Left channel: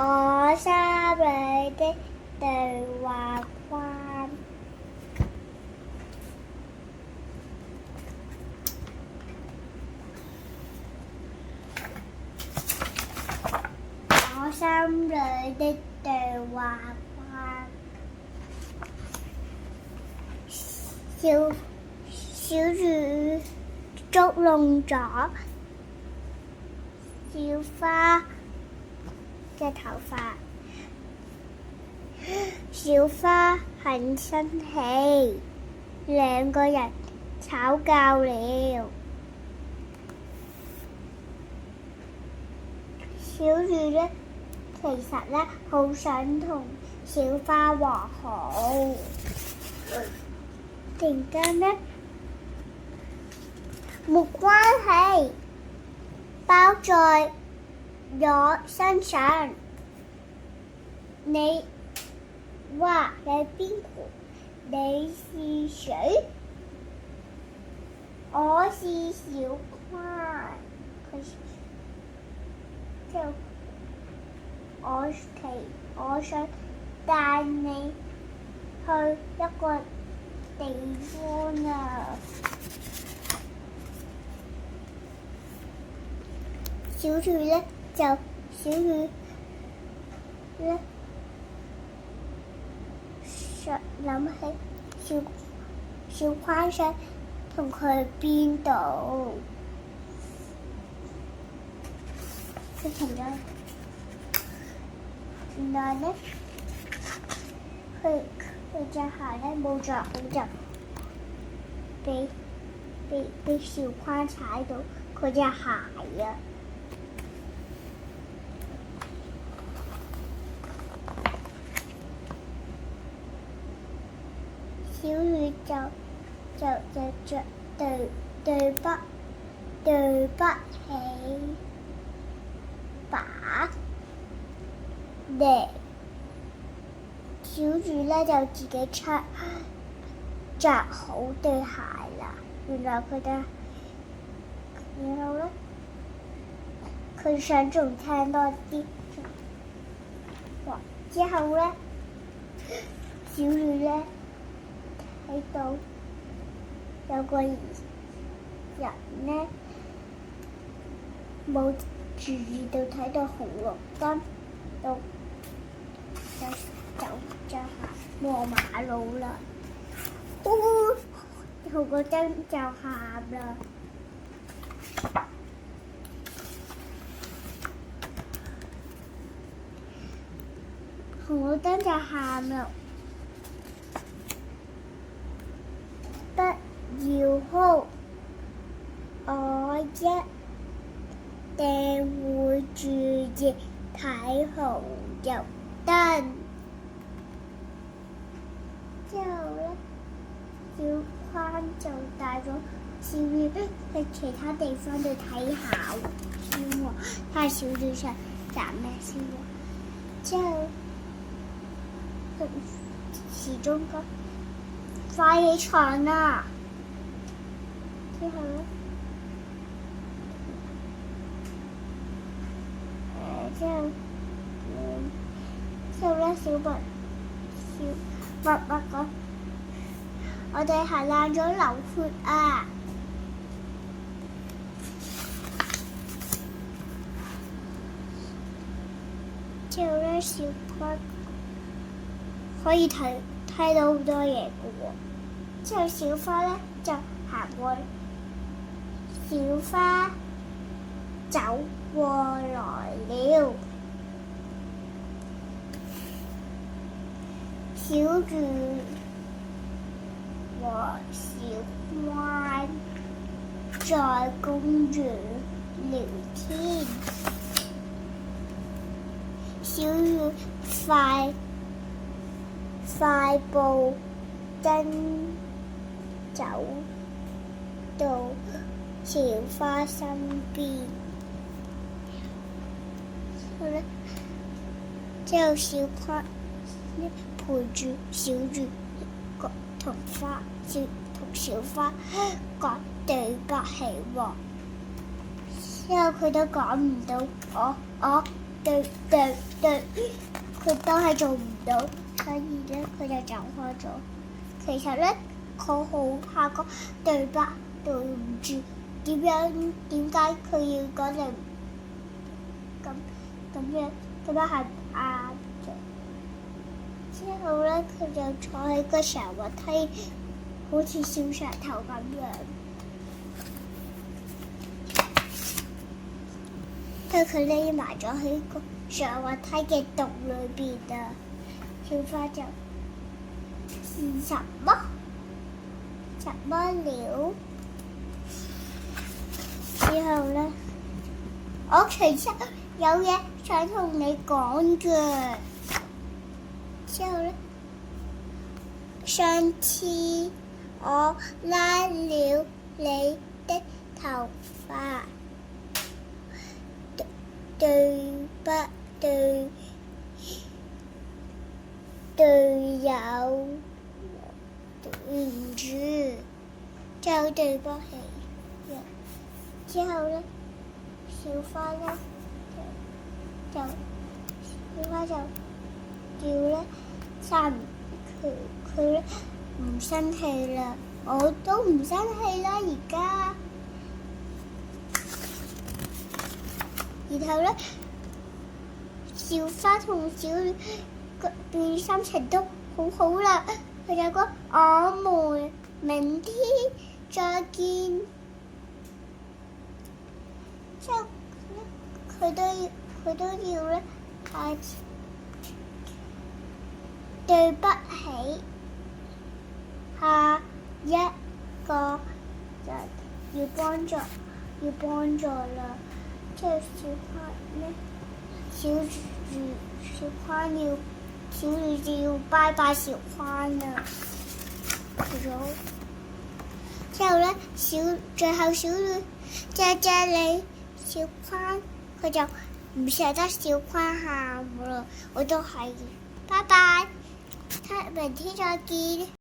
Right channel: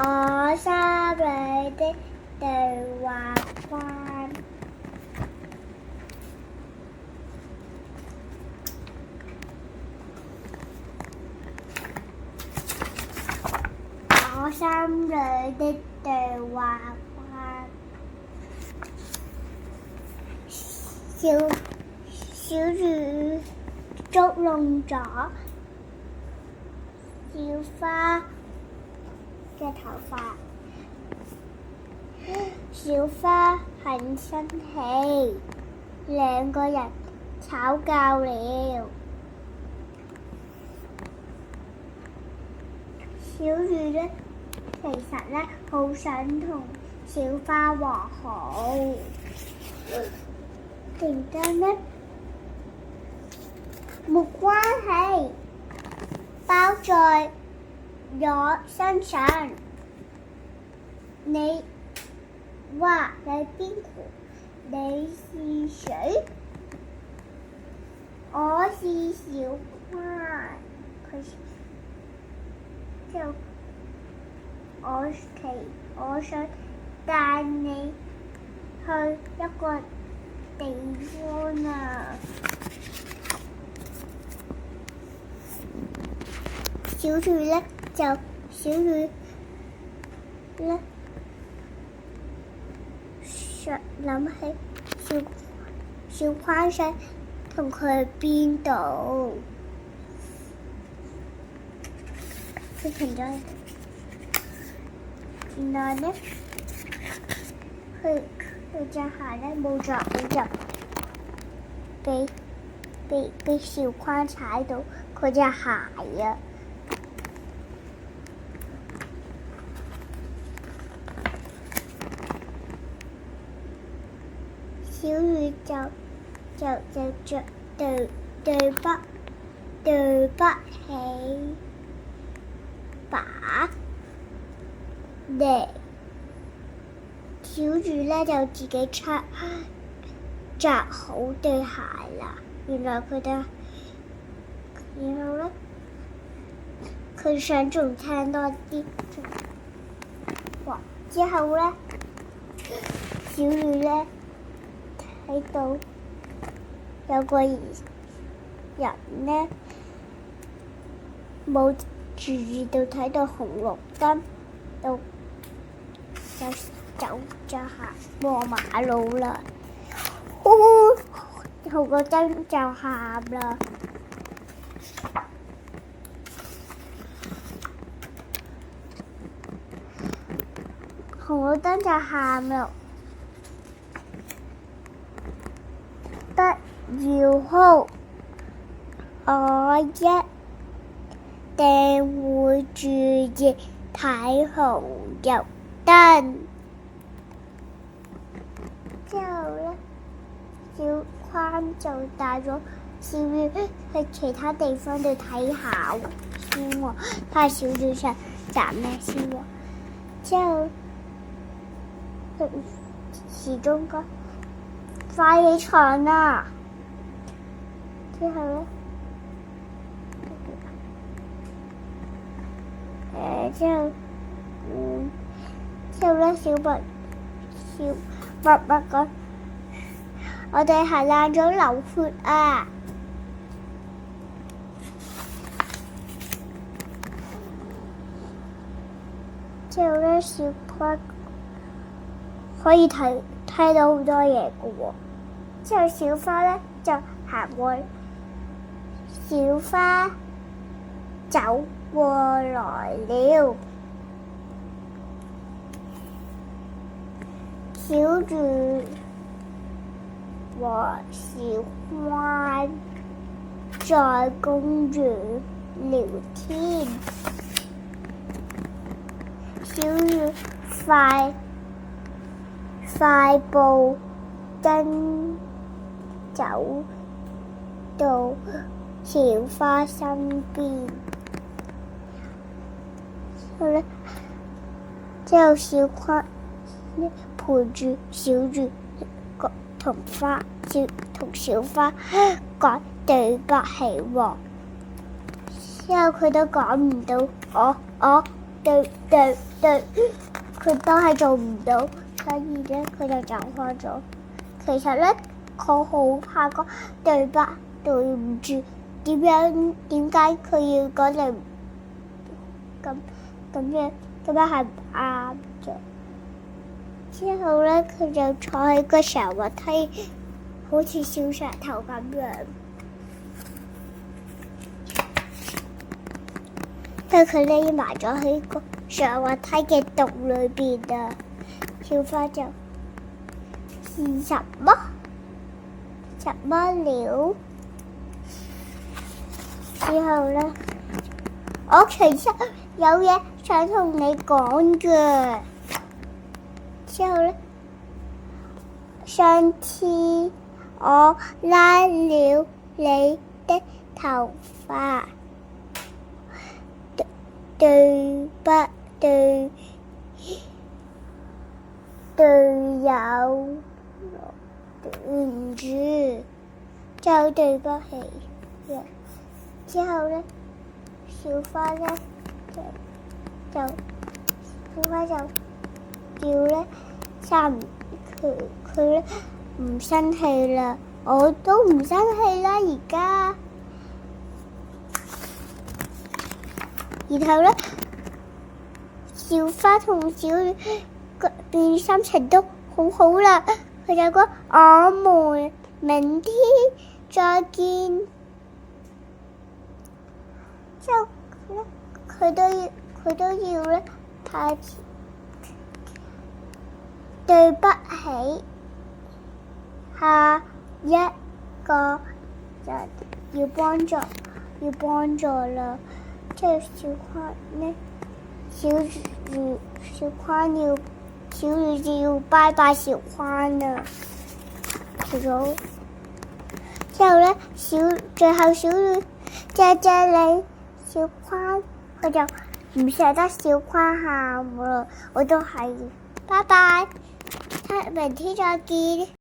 我心裏的對話框。我心裏的對話框。小魚捉弄咗小花嘅頭髮，小花很生氣，兩個人吵架了。小魚呢，其實呢，好想同小花和好。突然間呢，沒關係，包在我身上。你話你邊個？你是誰？我是小花。我想帶你去一個地方啊！小魚呢，諗起小花想同佢去邊度，佢停咗喺度。原來呢，佢隻鞋呢冇着好就俾小花踩到佢隻鞋啊！小魚就着對不起吧。小魚呢就自己着好對鞋啦。原來呢，佢想仲聽多啲。之後呢，小魚呢睇到有個人呢冇注意到，睇到紅綠燈就走咗下過馬路啦。紅綠燈就喊啦。紅綠燈就喊啦。不要哭，我一定會注意睇紅綠燈。之後呢，小花就帶咗小魚去其他地方度睇下先喎，睇下小魚想揀咩先喎。之後佢始終講快起床啦！之後呢，小白講：我哋係爛咗流血啊！之後呢，小花可以睇到好多嘢嘅喎。之後小花呢就行過去，小花走過來了。小魚和小花在公園聊天。小魚快步跟走到小花身邊。之後小花陪住小魚同小花講對不起喎。之後佢都講唔到，對對，佢都係做唔到，所以咧佢就走開咗。其實咧，佢好怕講對唔住，點解佢要講對咁樣係唔啱嘅。之後咧，佢就坐喺個上滑梯，好似小石頭咁樣。但佢匿埋咗喺個上滑梯嘅洞裏邊啊！小花就是什麼了？之後咧，我其實有嘢想同你講嘅。之後咧，上次我拉了你的頭髮，對不對？隊友，對唔住，就對不起。之後咧，小花咧小花就叫咧，佢咧唔生氣啦，我都唔生氣啦而家。然後咧，小花同小雨嘅心情都好好啦，佢就講我們明天再見。之後佢都要咧，對不起，下一個人要幫助啦。即係小花咧，小雨就要拜拜小花啦。之後咧，最後小雨謝你，小花佢就唔捨得小花喊啦。我都係，拜拜，明天再見。